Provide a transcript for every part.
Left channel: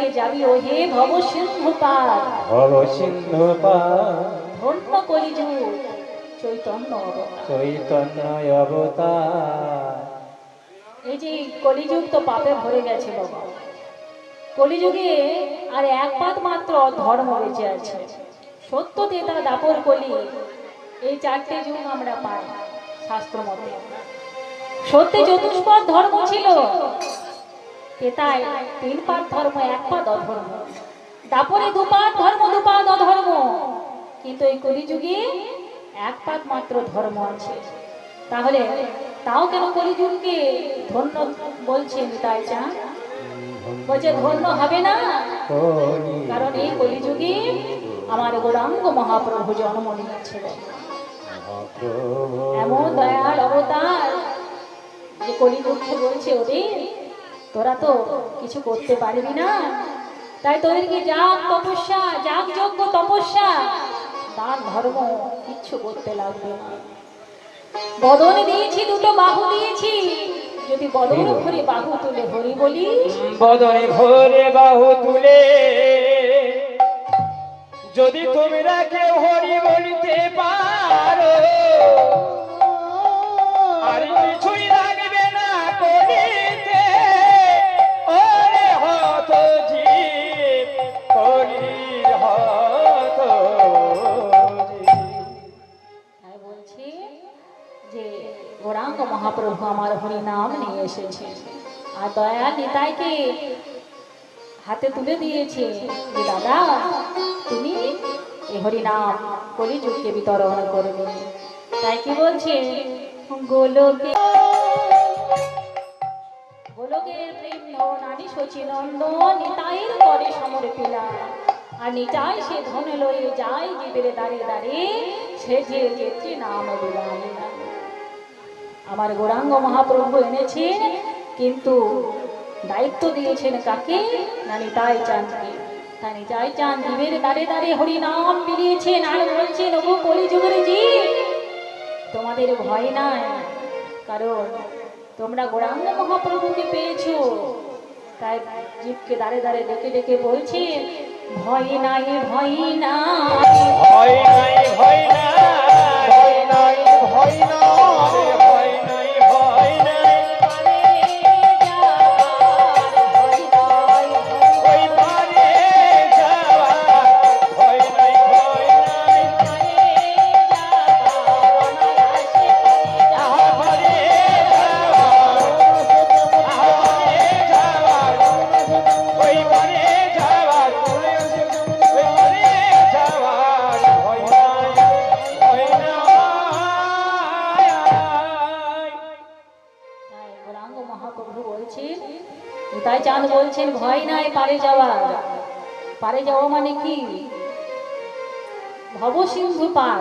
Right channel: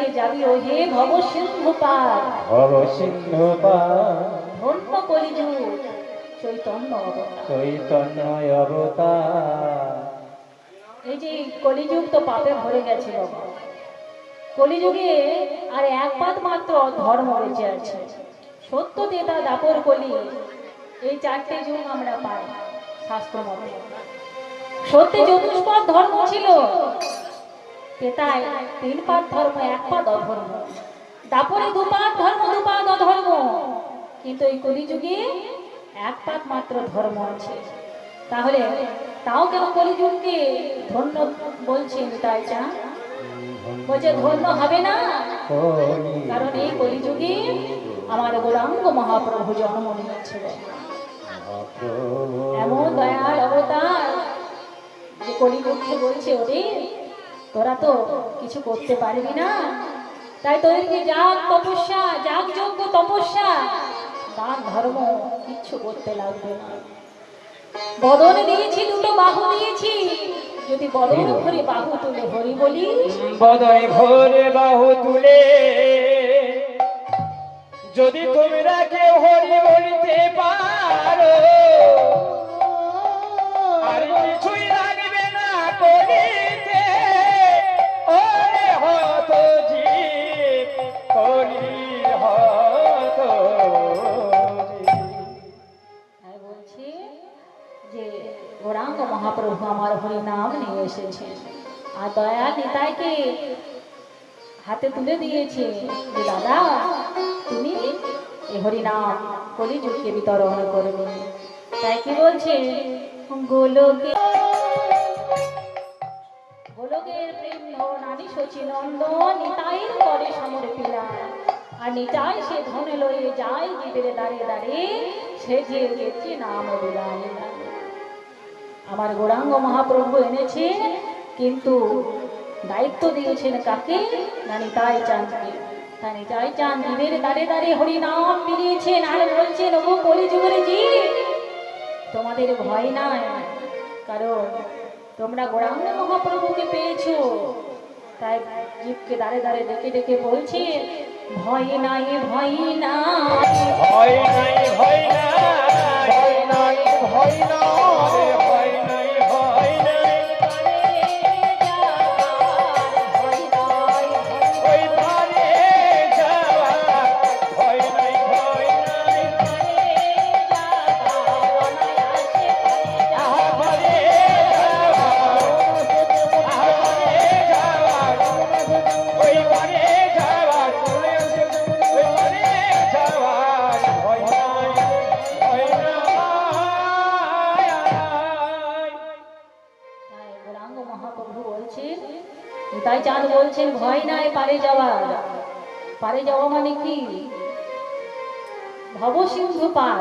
চারিদিকে যাবি ও হে ভব সিন্ধু পার, ভব সিন্ধু পার, ধন্য কলিযুগ চৈতন্য অবতার। চৈতন্য অবতার। এই যে কলিযুগ তো পাপে ভরে গেছে বাবা, কলিযুগে আর এক পাত মাত্র ধর্ম বেঁচে আছে, সত্য তেতা দাপর কলি, এই চারটে যুগ আমরা পাই শাস্ত্র মতে। সত্যি চতুষ্পদ ধর্ম ছিল, তেতায় তিন পাত ধর্ম, এক পাত অধর্ম, দাপরে দুপাত ধর্ম, দুপাত অধর্ম, কিন্তু এই কলিযুগে এক পাত মাত্র ধর্ম আছে। তাহলে তাও কেন কলিযুগকে ধন্য বলছেন? তাই চান বলছে ধন্য হবে না, কারণ এই কলিযুগে আমার গৌরাঙ্গ মহাপ্রভু জন্ম নিয়েছিল। এমন দয়াল অবতার যে কলিযুগকে বলছে ওরে তোরা তো কিছু করতে পারবি না, তাই তোদেরকে যাগ তপস্যা, যাগ যজ্ঞ তপস্যা, দান ধর্ম কিচ্ছু করতে লাগবে না। বদন দিয়েছি, দুটো বাহু দিয়েছি, যদি বদন ভরে বাহু তুলে হরি বলি, বদনে ভরে বাহু তুলে যদি তোমরা কেউ হরি বলিতে পারো, আর কিছুই লাগবে না করিতে, ওরে হত জীব কলির হত জীব। তাই বলছি যে গৌরাঙ্গ মহাপ্রভু আমার হরি নাম নিয়ে এসেছে, আর দয়াল নিতাইকে হাতে তুলে দিয়েছে যে দাদা তুমি এই হরি নাম কলিযুগকে বিতরণ করবে। তাই কি বলছে, গোলকে গোলকের প্রেম নারী শচী নন্দন নিতাইয়ের করে সমর্পিলা, আর নিতাই সে ধন লয়ে যায় জীবের দ্বারে দ্বারে, সে যে যেতে নাম বিলাইলা। আমার গৌরাঙ্গ মহাপ্রভু এনেছে, কিন্তু দায়িত্ব দিয়েছেন কাকে? না নিতাই চাঁদকে। তা নিতাই চাঁদ জীবের দ্বারে দ্বারে হরি নাম মিলিয়েছেন, আর বলছেন ওগো কলিযুগের জীব তোমাদের ভয় নাই, কারণ তোমরা গৌরাঙ্গ মহাপ্রভুকে পেয়েছো। তাই জীবকে দ্বারে দ্বারে ডেকে ডেকে বলছে ভয় নাই, ভয় নাই, ভয় নাই, ভয় নাই, ভয় নাই, ভয় নাই, ভয় নাই, ভয় নাই, ওই পারে যাওয়ার ভয় নাই, ভয় নাই, আহা পারে যাওয়ার, আহা পারে যাওয়ার, ওই পারে যাওয়ার, ওই পারে যাওয়ার ভয় নাই, ভয় নাই। তাই গৌরাঙ্গ মহাপ্রভু বলছেন, নিতাই চাঁদ বলছেন ভয় নাই, পারে যাওয়া। পারে যাওয়া মানে কি? ভব সিন্ধু পার।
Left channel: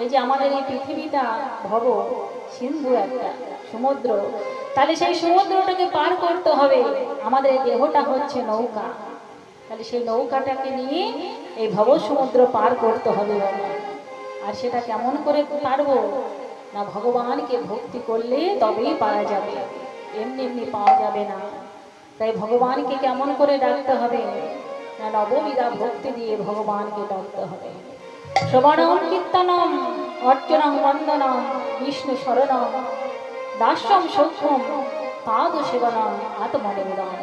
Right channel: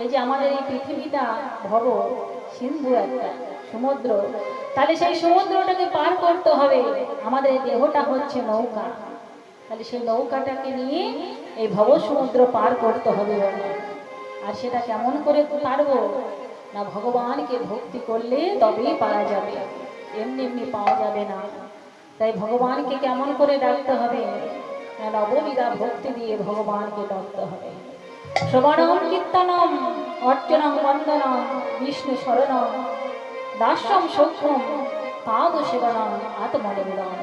এই যে আমাদের এই পৃথিবীটা ভব সিন্ধু, একটা সমুদ্র, তাহলে সেই সমুদ্রটাকে পার করতে হবে। আমাদের দেহটা হচ্ছে নৌকা, তাহলে সেই নৌকাটাকে নিয়ে এই ভব সমুদ্র পার করতে হবে। আর সেটা কেমন করে পারবো? না ভগবানকে ভক্তি করলে তবেই পারা যাবে, এমনি এমনি পাওয়া যাবে না। তাই ভগবানকে কেমন করে ডাকতে হবে? না নববিধা ভক্তি দিয়ে ভগবানকে ডাকতে হবে। শ্রবণম কীর্তনম অর্চনম বন্দনম বিষ্ণু শরণম দাস্যম সৌখ্যম পাদ সেবনম আত্মনিবেদন।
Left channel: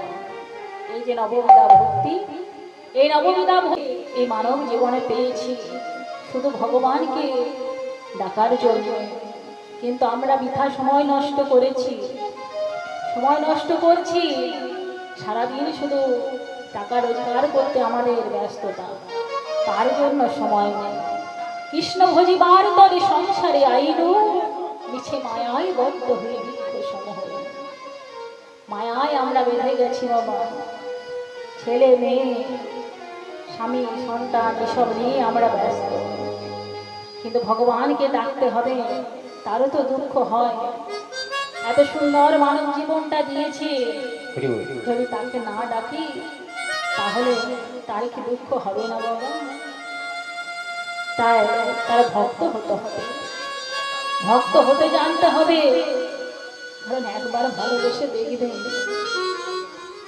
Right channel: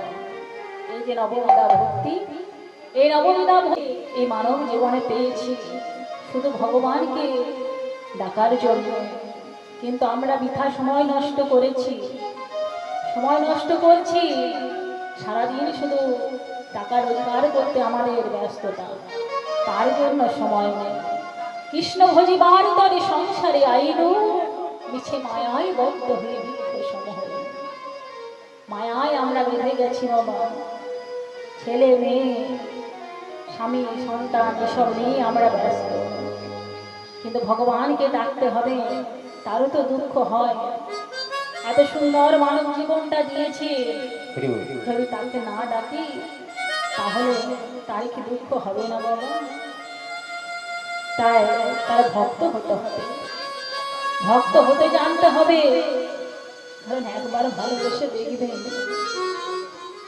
এই যে নববিধা ভক্তি, এই নববিধা ভক্তি এই মানব জীবনে পেয়েছি শুধু ভগবানকে ডাকার জন্য, কিন্তু আমরা বৃথা সময় নষ্ট করেছি, সময় নষ্ট করছি সারাদিন শুধু টাকা রোজগার করতে আমাদের ব্যস্ততা, তার জন্য সময় নেই। কৃষ্ণ ভজিবার তরে সংসারে আইনু, মিছে মায়ায় বদ্ধ হয়ে বৃক্ষ সমূহ। মায়ায় আমরা বেঁধে গেছি বাবা, ছেলে মেয়ে স্বামী সন্তান এসব নিয়ে আমরা ব্যস্ত, কিন্তু ভগবানকে ডাকতে হবে, তারও তো দুঃখ হয়। এত সুন্দর মানব জীবনটা দিয়েছে, যদি তাকে না ডাকি তাহলে তার কি দুঃখ হবে না বাবা? তাই তার ভক্ত হতে হবে, ভক্ত হতে জানতে হবে। কারণ একবার ভালোবেসে দেখবেন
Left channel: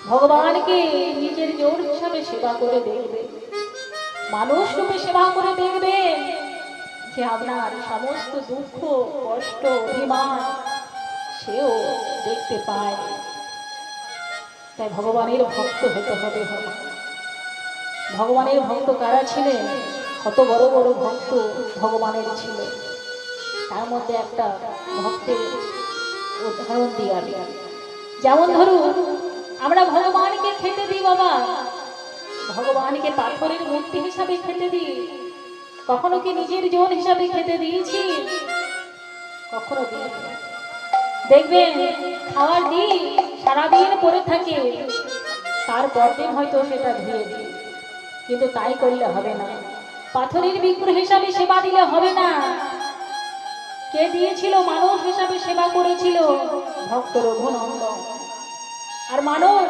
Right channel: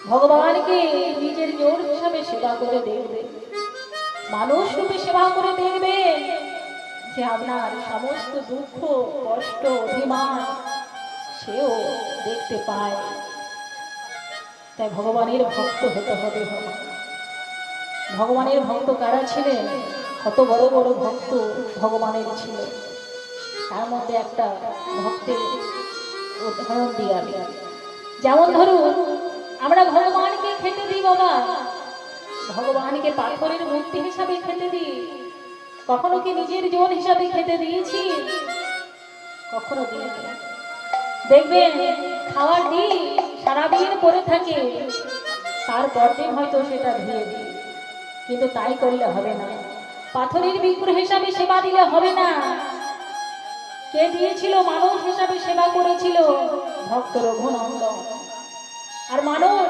ভগবানকে নিজের জোর হিসাবে সেবা করে দেখবে, মানুষ রূপে সেবা করে দেখবে, যে আপনার সমস্ত দুঃখ কষ্ট অভিমান সেও দেখতে পায়। তাই ভগবানের ভক্ত হতে হবে। ভগবানের ভক্ত কারা ছিলেন? কত বড় বড় ভক্ত ভগবানের ছিল। তার মধ্যে একটা ভক্তের উদাহরণ দিয়ে, যেমন ধরুন আমরা ভগবানকে খেতে দিই বাবা, ভগবানকে পাথরের মূর্তি হিসাবে খেতে দিই। কখনো কি নিজের জীবন হিসাবে খেতে দিয়েছি? কখনো দিই। দেখবেন খাওয়ার দিই সারাদিন পরে থাকে, তারপর দিন হয়তো সেটা ধুয়ে দিই, কিন্তু তাই করলে হবে না। পাথরের বিগ্রহ হিসাবে সেবা দিলে হবে না। কে দিয়েছিল? মানুষ হিসাবে সেবা করেছিল ভক্ত রঘুনন্দন। আর মানুষ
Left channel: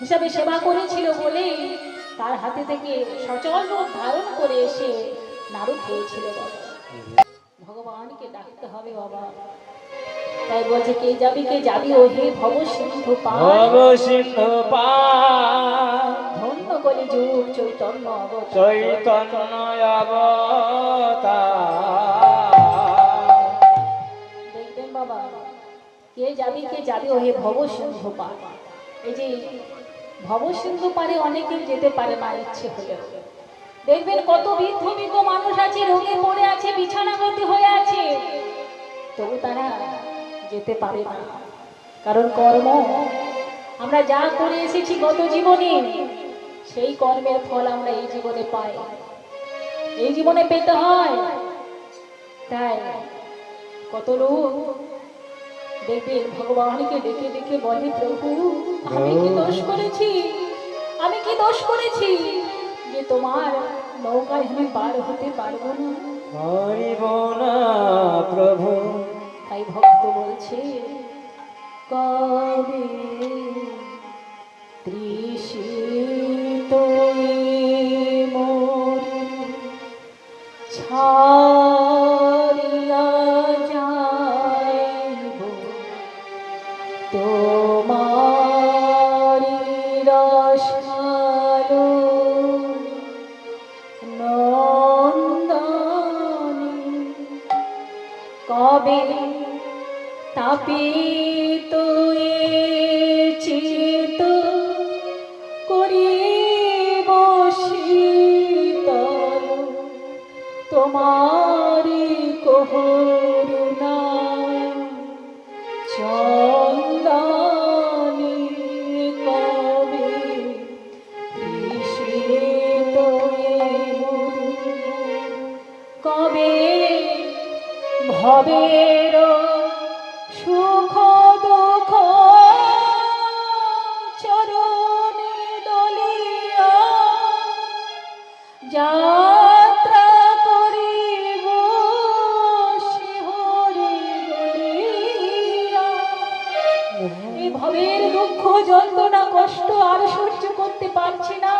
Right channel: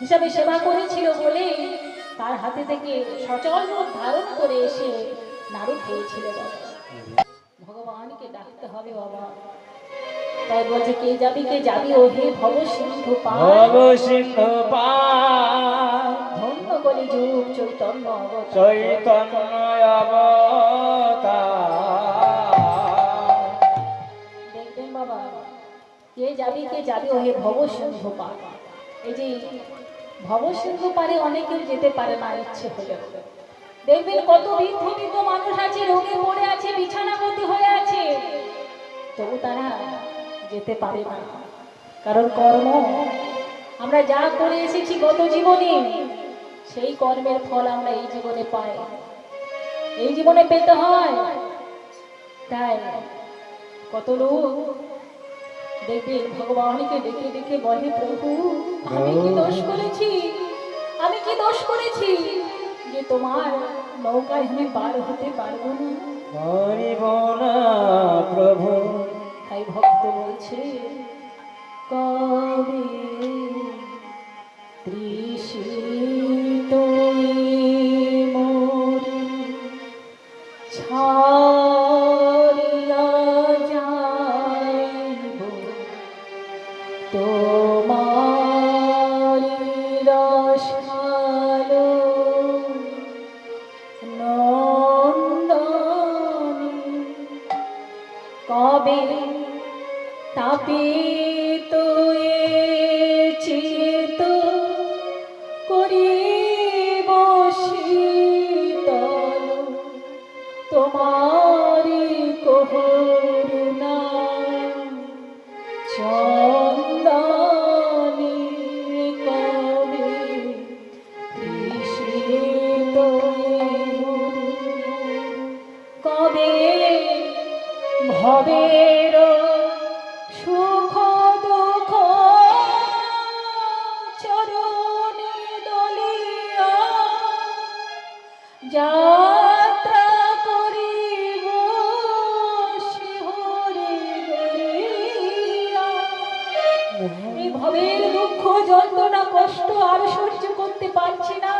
হিসাবে সেবা করেছিল বলে তার হাতে থেকে সচল রূপ ধারণ করে এসে নাড়ু খেয়েছিল বাবা। ভগবানকে ডাকতে হবে বাবা। তাই বলছে কে যাবি ও হে ভব সিন্ধু পার, ভব সিন্ধু পার, ধন্য কলি যুগ চৈতন্য অবতার। চৈতন্য অবতার। দেখবেন বাবা, কে যাবি ও হে ভব সিন্ধু পার। এই যে ভব সিন্ধু পারে অনেকেও যেতে পারে না ইচ্ছে হলে। দেখবেন কত বৃদ্ধ বৃদ্ধ মানুষ আছে, রোগে পড়ে আছে, বিছানাগতি হয়ে আছে, তবু তারা যেতে পারে না। কারণ কর্ম, আমরা যা করে এসেছি গত জীবনে, সেই কর্মের ফল আমরা এই জীবনে পাই, এই জীবনে পেতে হয়। তাই কত লোক দেখবেন ভগবানকে ডেকে ডেকে বলে, প্রভু আমি কি দোষ করেছি, আমি কি দোষ করেছি যে তোমার নৌকায় আমি পার হতে পারবো না? পারিব না প্রভু। তাই ভক্ত বলছে, কবে তৃষিত মোর ছাড়িয়া যাইব তোমারি রসালো নন্দনী। কবে তাপিত চিত করিব শীতল তোমারি করুণা চন্দনী। কবে তৃষিত কবে ভবের সুখ দুঃখ চরণে দলিয়া যাত্রা করিব শিহরে গড়িয়া। এই ভবের দুঃখ যন্ত্রণা কষ্ট আর সহ্য করতে পারছি না,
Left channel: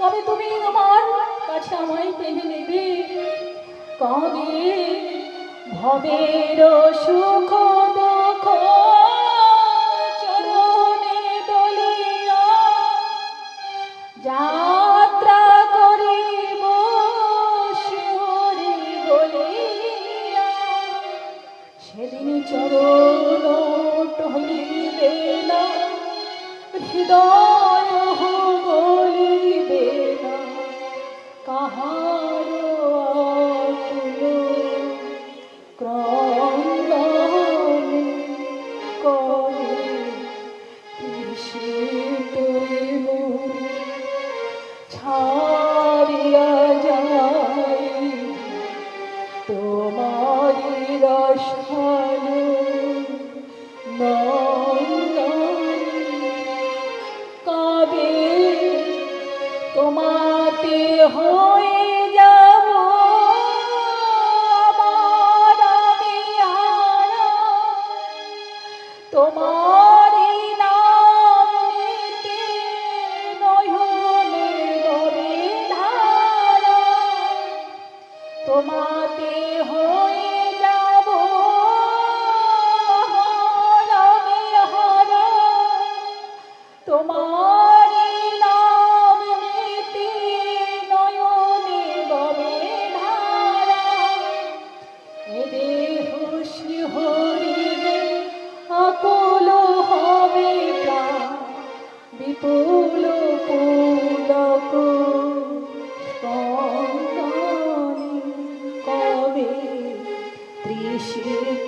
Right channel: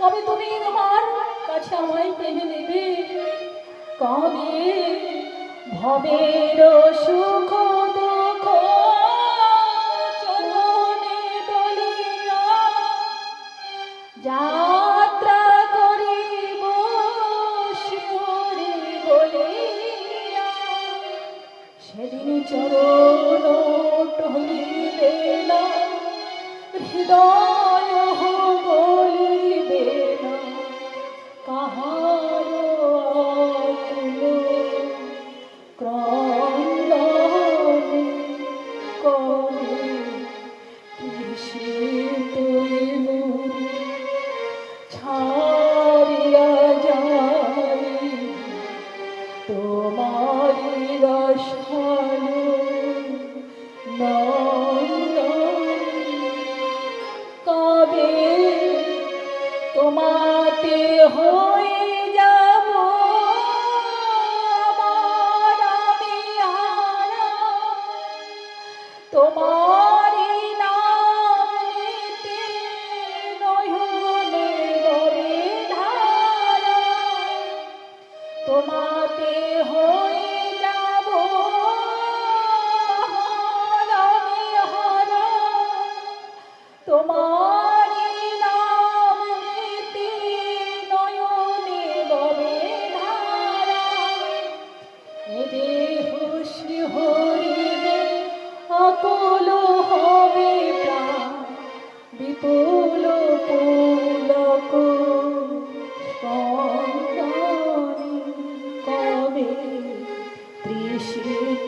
কবে তুমি আমার কাছে আমায় পেয়ে নেবে? কবে ভবের সুখ দুঃখ চরণে দলিয়া যাত্রা করিব শিহরে গড়িয়া। সেদিন চরণ টলিবে না, হৃদয় গলিবে না, কাহার আকুল ক্রন্দন করে তৃষিত মোর ছাড়িয়া যাই তোমারি রসালো নন্দনী। কবে তোমাতে হয়ে যাব আমার আমি হারা, তোমারি নাম নিতে নয়নে ববে ধারা। তোমাতে হয়ে যাব আমার আমি হারা, তোমার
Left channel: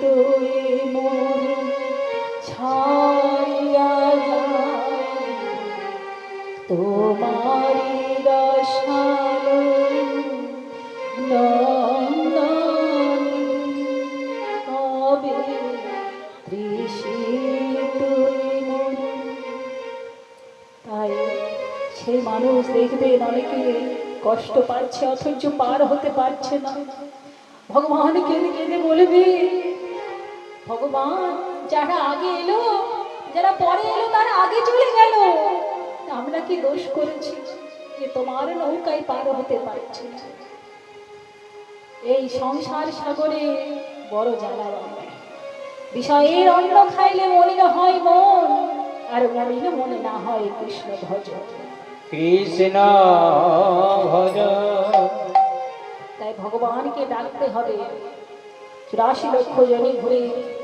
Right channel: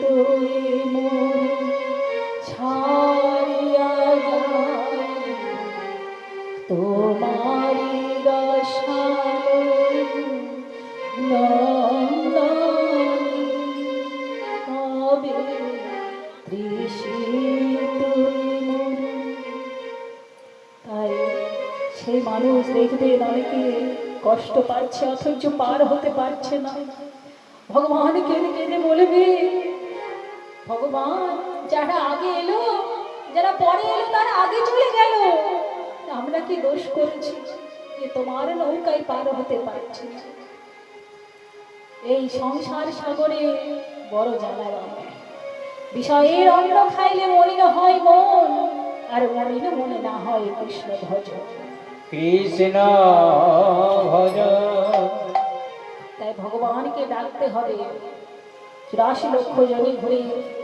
তুই মোর ছাড়িয়া যায় তোমারি রসালো নন্দনী কবে তৃষিত মন। তাই সেই মানুষ দেখবেন অনেকে কষ্ট পাচ্ছে অথচ পার হতে পারছে না, ভগবান কেঁদে কেঁদে বলবে, ভগবান যারা আগে এলো যারা পরে এলো তারা আগে চলে গেল, আমরা কি দোষ করেছি যে তোমার নৌকায় পার হতে পারছি না? এই সংসার সাগরে বড় জ্বালা বাবা, বিষয়ের অন্ন খাইলে মলিন হয় মন, আর মলিন মনে না হয় কৃষ্ণ ভজ। কৃষ্ণ ভজ। তাই ভগবানকে ডাকতে হবে। 84 লক্ষ জনে ঘুরে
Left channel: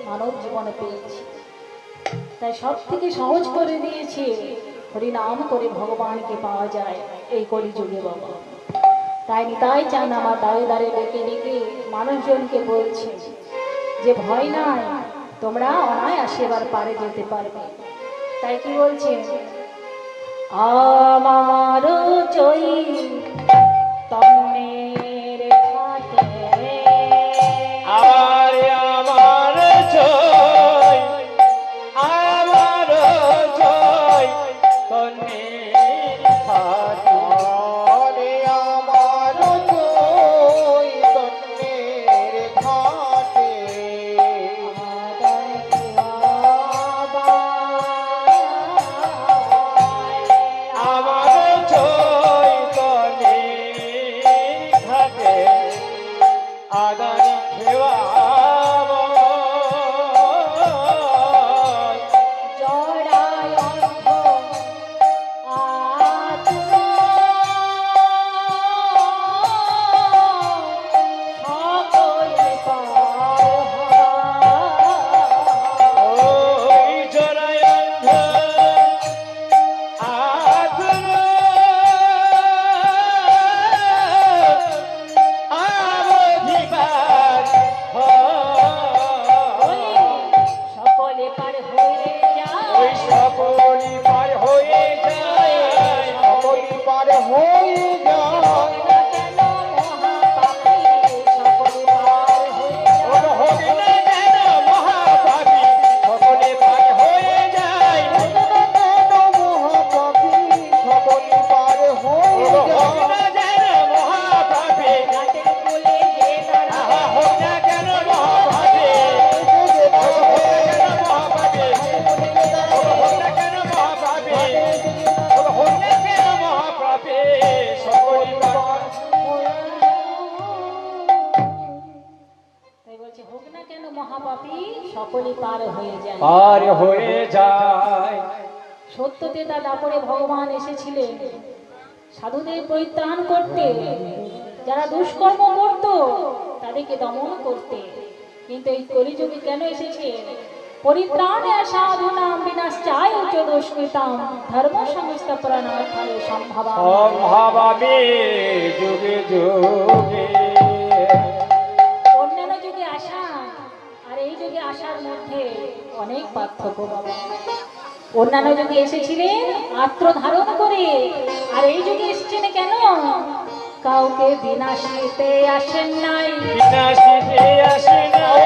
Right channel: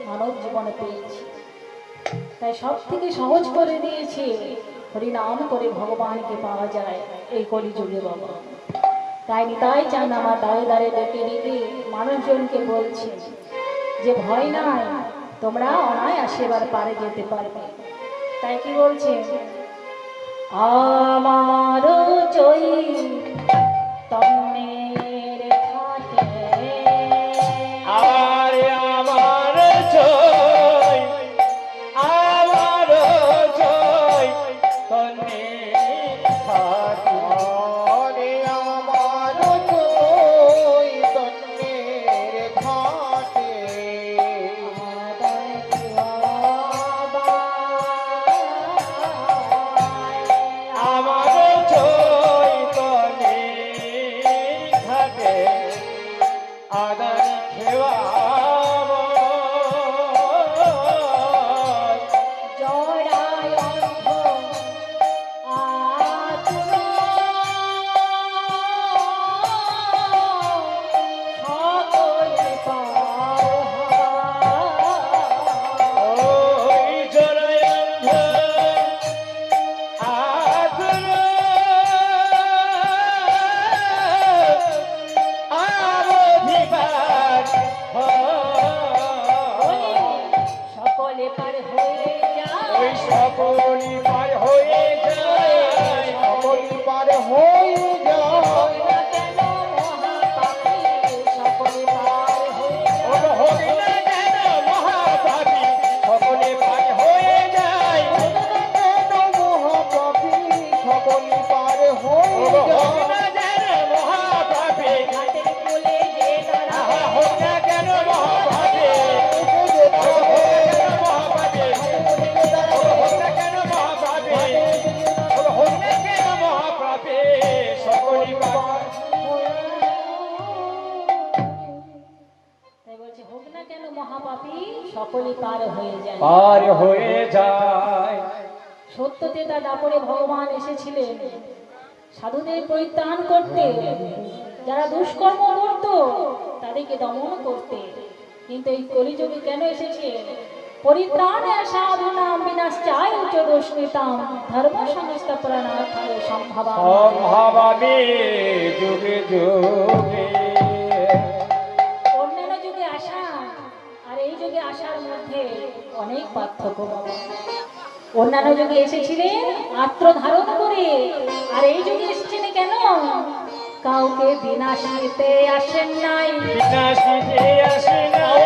মানব জীবনে পেয়েছি, তাই সব থেকে সহজ করে দিয়েছে হরিনাম করে ভগবানকে পাওয়া যায় এই কলিযুগে বাবা। তাই নিতাই চান আমার দাঁড়ে দাঁড়ে ডেকে ডেকে মানুষজনকে বলছে যে ভয় নাই, তোমরা অনায়াসে এবার পারে যেতে পারবে। তাই কি বলছে, আমার চৈ তন্নের খাটে আর আমার জয়, আমার জয় তনে থাকি। আরে আমার জয় তনের ঘাটে আমার জয় তনে ঘাটে আগান খেওয়াব। জড়ায় অর্ধ আতুর সকলে পার ওই জড়ায় অন্ধ আতুর আবধিবার সকলে পার হয়ে ওই যায়, সকলি পার হয়ে যায়, সকলি পার হয়ে যায়। কেন মহাপাপী সকলে পার হয়ে ওর যায়। হবে না কেন মহাপাপী সকলে পার হয়ে যায়। মহাপাপী সকলি পার হয়ে যায়। মহাপাপী ঘাটের কোলে যে দাঁড়ায়, আহা হোক না কেন মহাপাপী, হোক না কেন মহাপাপী, হোক না কেন মহাপাপী, হোক না কেন মহাপাপী সকলি পার। তাই বলছে হোক না কেন মহাপাপী সকলে পার হয়ে যায়। পার হয়ে যায়। সত্যতেতা দাপরে ভগবান এসেছিলেন সাধুদের পরিত্রাণ করতে, যারা দুষ্কর্ম করত তাদেরকে দমন করতে। কিন্তু এই কলিযুগে কেন এসেছে, পরিত্রাণে সাধুনাম বিনাশ্চায় উচ্চ দুষ্কৃতাম ধর্ম সংস্থাপনার্থায় সম্ভবা। সম্ভাবামি যুগে যুগে। অন্যান্য যুগে আসা আর এই যুগে আসার মধ্যে অনেক পার্থক্য বাবা। অন্যান্য যুগে এসেছিলেন আত্ম ধারণ করে, আর এই যুগে এসেছেন কেন, কাউকে বিনাশিতে আসেন নাই, বিনাশিতে আসে নাই,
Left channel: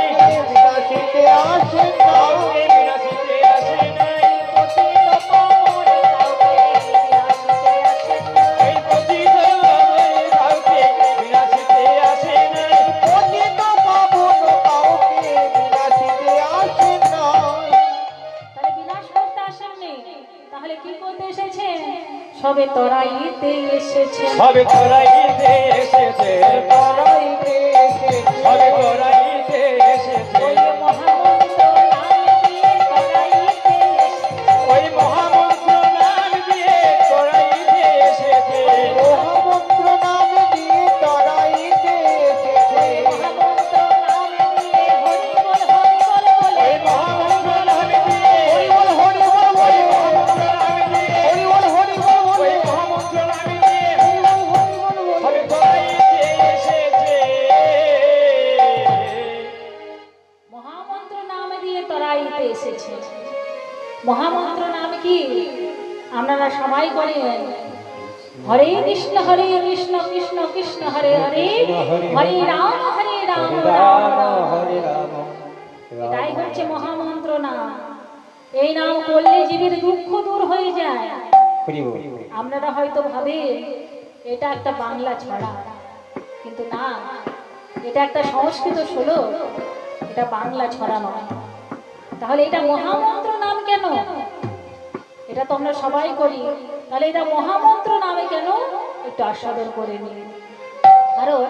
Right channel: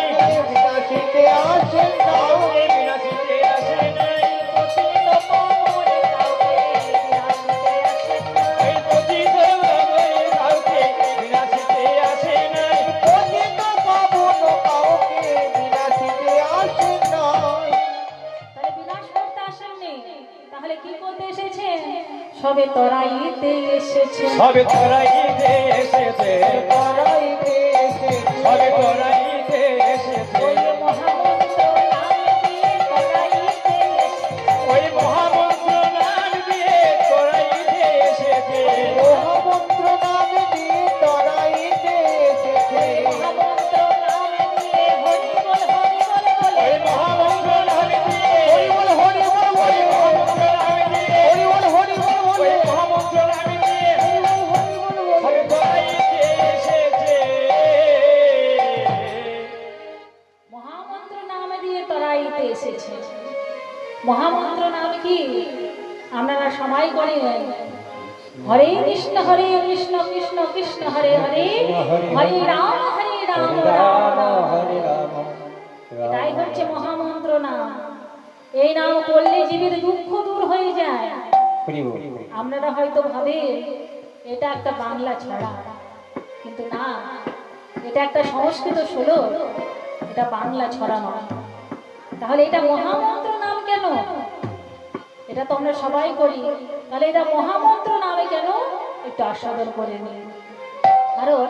বিনাশিতে আসে নাই, বিনাশিতে আসে নাই। পতিত পাবনে কাউকে বিনাশিতে আসেন নাই। এই পতিত পাবনে কাউকে বিনাশিতে আসে নাই, পতিত পাবন কাউকে বিনাশিতে আসে নাই। তাহলে বিনাশ করতে আসেননি, তাহলে কি করতে এসেছেন, সবে তরাইতে এসেছেন। সবে তোরাইতে এসেছে, তোরাইতে এসেছে, সবে তোরাইতে এসেছে। ওই মহামন্ত্র নাম দিয়ে তরাইতে এসেছেন। ওই মহামন্ত্র নাম দিয়ে তোরাইতে এসেছে, মহামন্ত্র নাম দিয়ে তোরাইতে এসেছে। মহামন্ত্র নাম দিয়ে হরি বল বলে, ওই মহামন্ত্র নাম দিয়ে হরি বল বলে, মহামন্ত্র নাম দিয়ে হরি বল বলে, ওই মহামন্ত্র নাম দিয়ে হরি বল বলে, সবে তোরাইতে এসেছে। করতে এসেছে। মহামন্ত্র নাম কি আপনারা সবাই করেন? হরে কৃষ্ণ কৃষ্ণ কৃষ্ণ হরে হরে, হরে রাম রাম রাম হরে রাম এটাই হচ্ছে মহামন্ত্র নাম। এই নাম করলে জীবের দুঃখ দূর হয়ে যায়। হরি বল। আপনারা হয়তো ভাবেন এটা একটা বাংলা ছড়া, কিন্তু না, এটা একটা সংস্কৃত শ্লোক, এটা বাংলা ছড়া নয়। তাহলে এটা মহামন্ত্র নাম কেন? এটা তো আমরা সবাই করি, তাহলে এটা মহামন্ত্র নামে কেন একটু আস্বাদন করে নিন। কারণ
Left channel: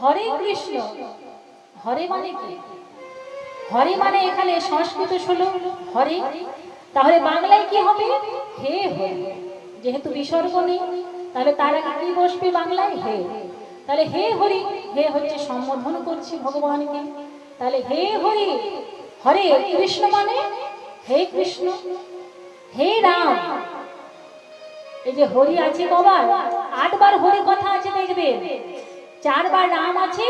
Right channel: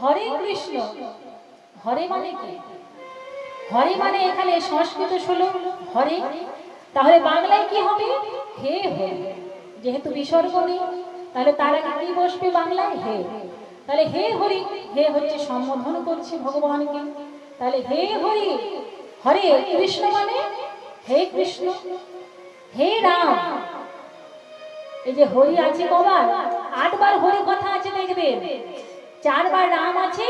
হরে কৃষ্ণ, হরে মানে কি? হরে মানে এখানে সংস্কৃত শ্লোক হরে, তাহলে বাংলায় কি হবে? হে হরে। যেহেতু বিসর্গ নেই, তাহলে তার আগে কি বসবে বাংলায়? হে। তাহলে হে হরি, হে হচ্ছে সম্বোধন করছি ভগবানকে। তাহলে হে হরি, হরে কৃষ্ণ মানে হে কৃষ্ণ, হে রাম। এই যে হরি আছে বাবা, 8 বার হরি কথা আছে দেখবেন, 4 বার রাম আছে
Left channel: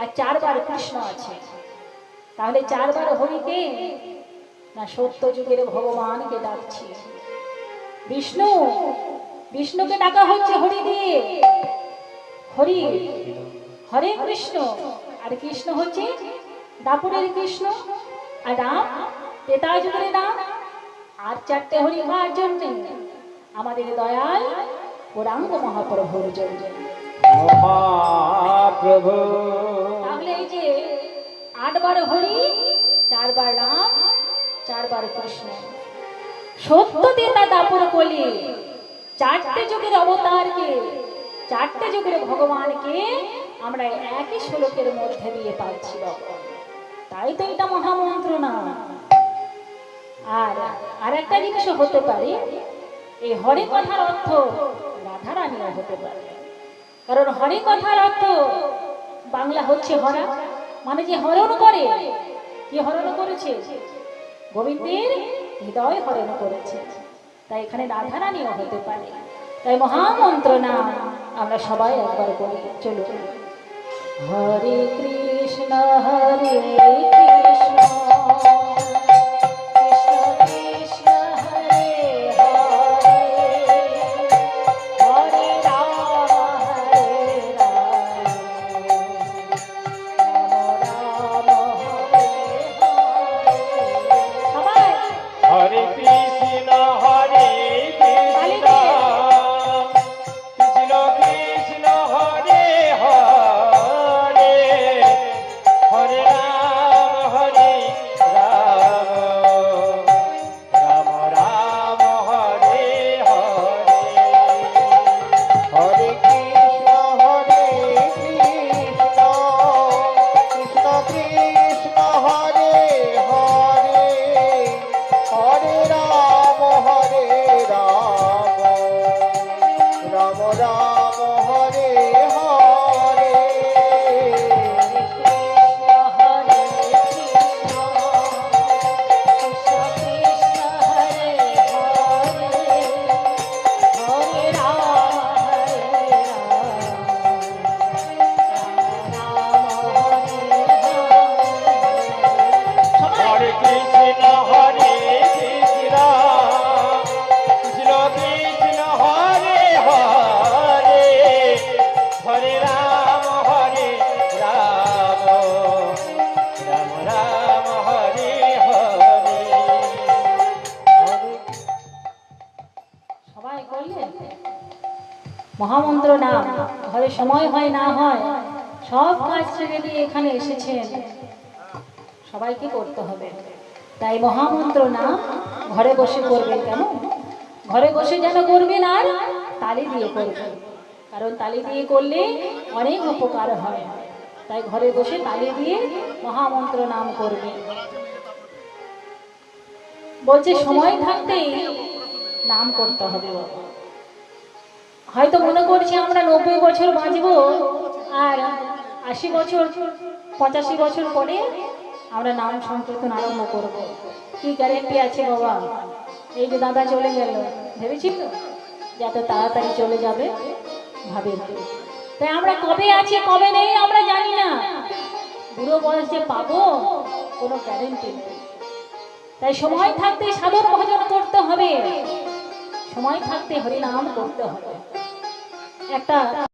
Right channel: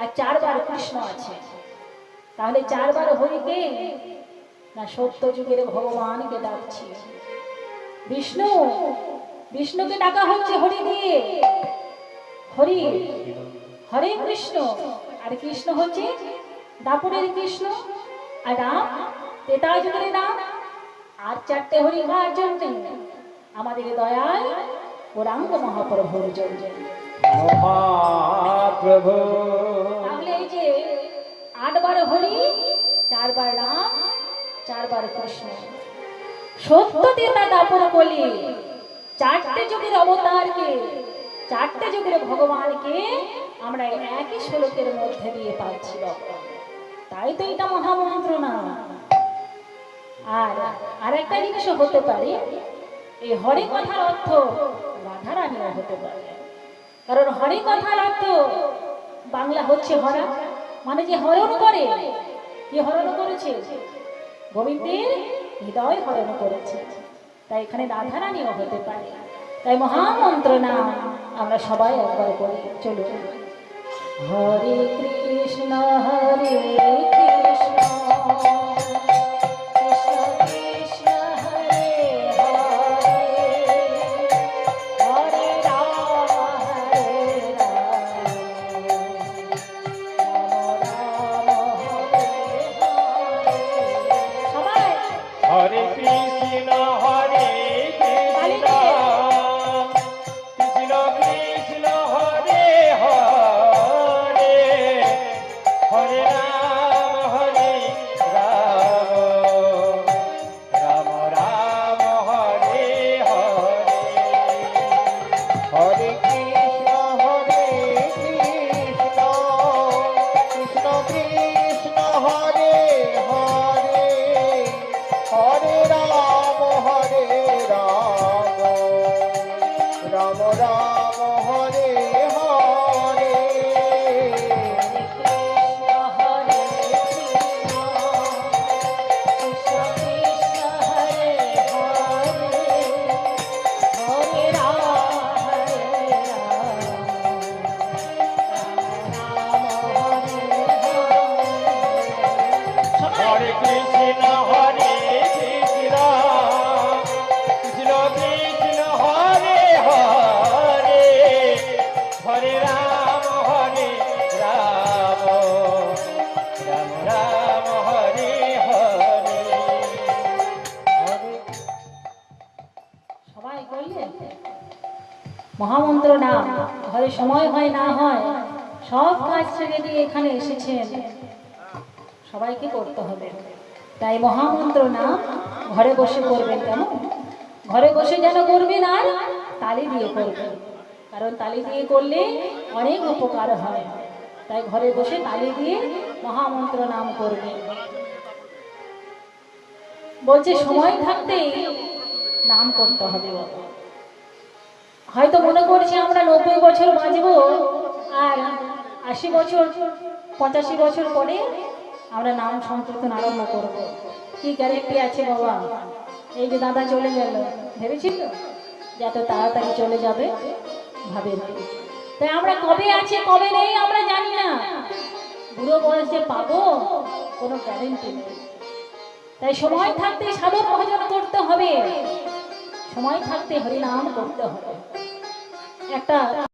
আর 4 বার কৃষ্ণ আছে। তাহলে 4 বার হরিকে না সত্য যুগের ভগবানকে ডাকছি। বিষ্ণু, বিষ্ণুকে ডাকা হচ্ছে হরি দিয়ে, হরি হরে কৃষ্ণ। আর কৃষ্ণ হচ্ছে দাপুরের কৃষ্ণ, আর রাম তেতা যুগের রাম। আর 4টে হরি হওয়ার জন্য আমাদের দয়াল গৌরাঙ্গ মহাপ্রভুর জন্য। মহাপ্রভু। তাহলে এই যে 8 বার হরি, 4 বার রাম, 4 বার কৃষ্ণ, সত্য তেতা দাপুর কলি, 4টে যুগের অবতারকে, 4টে যুগের ভগবানকে আমরা একই শ্লোকের মধ্যে দিয়ে পাচ্ছি বাবা। তাই তো এটা মহামন্ত্র না। আর একটা জিনিসও হতে পারে, এই হরে কথার অর্থ রাধারানীও হতে পারে। কারণ হরে কথার অর্থ বাংলা হচ্ছে হরা, মানে যে হরণ করে। কি হরণ করেছে? গোবিন্দের হৃদয় হরণ করেছে। তাই এখানে রাধারানীও হতে পারে। তাই মহামন্ত্র নাম আমরা সবাই একবার করি। চলো, হরে কৃষ্ণ কৃষ্ণ কৃষ্ণ হরে হরে, হরে রাম রাম হরে হরে। সবাই হরে কৃষ্ণ হরে কৃষ্ণ, কৃষ্ণ কৃষ্ণ হরে হরে, হরে রাম রাম, রাম রাম হরে হরে। হরে কৃষ্ণ কৃষ্ণ কৃষ্ণ হরে হরে, হরে রাম রাম রাম হরে হরে। কৃষ্ণ হরে কৃষ্ণ কৃষ্ণ কৃষ্ণ হরে হরে, হরে রাম রাম হরে হরে। সবাই হরে কৃষ্ণ হরে কৃষ্ণ, কৃষ্ণ কৃষ্ণ হরে হরে, হরে রাম রাম, রাম রাম হরে হরে। সবাই করলেন মহামন্ত্র নাম। ঘরে সময় হয় না হয়, সব কাজ ছেড়ে দিয়ে এখানে এসেছেন, সবাইকে করতে হবে। তাই মহামন্ত্র নাম ঘরে বসে করবেন। কেন ঘরে বসে যেন করবেন? আর তালি দিয়ে করবেন, কারণ তালি দিয়ে করলে অনেক উপকার হয়। তাই ঘরে বসে তালি দিয়ে মহামন্ত্র নাম করবেন। বলছে সময় থাকতেই নাম করতে হবে বাবা। হয়তো মনে করছি আমরা 90 বছর বাঁচবো, আর 80 বছর 85 বছর পরে আমরা নাম সংকীর্তন আরম্ভ করব। কি গ্যারেন্টি আছে বাবা? এই যে দাদা চলে গেল, ভেবেছিল যে এত তাড়াতাড়ি চলে যাবে? ভাবেনি। তাই আমরা কবে আছি কবে নেই আমরা জানি না। বুড়ো বয়স যে পাবো কোনো গ্যারেন্টি নেই। তাই সময় থাকতে সাধন ভজন করতে হবে, সময় থাকতে হরিনাম করতে হবে। একটা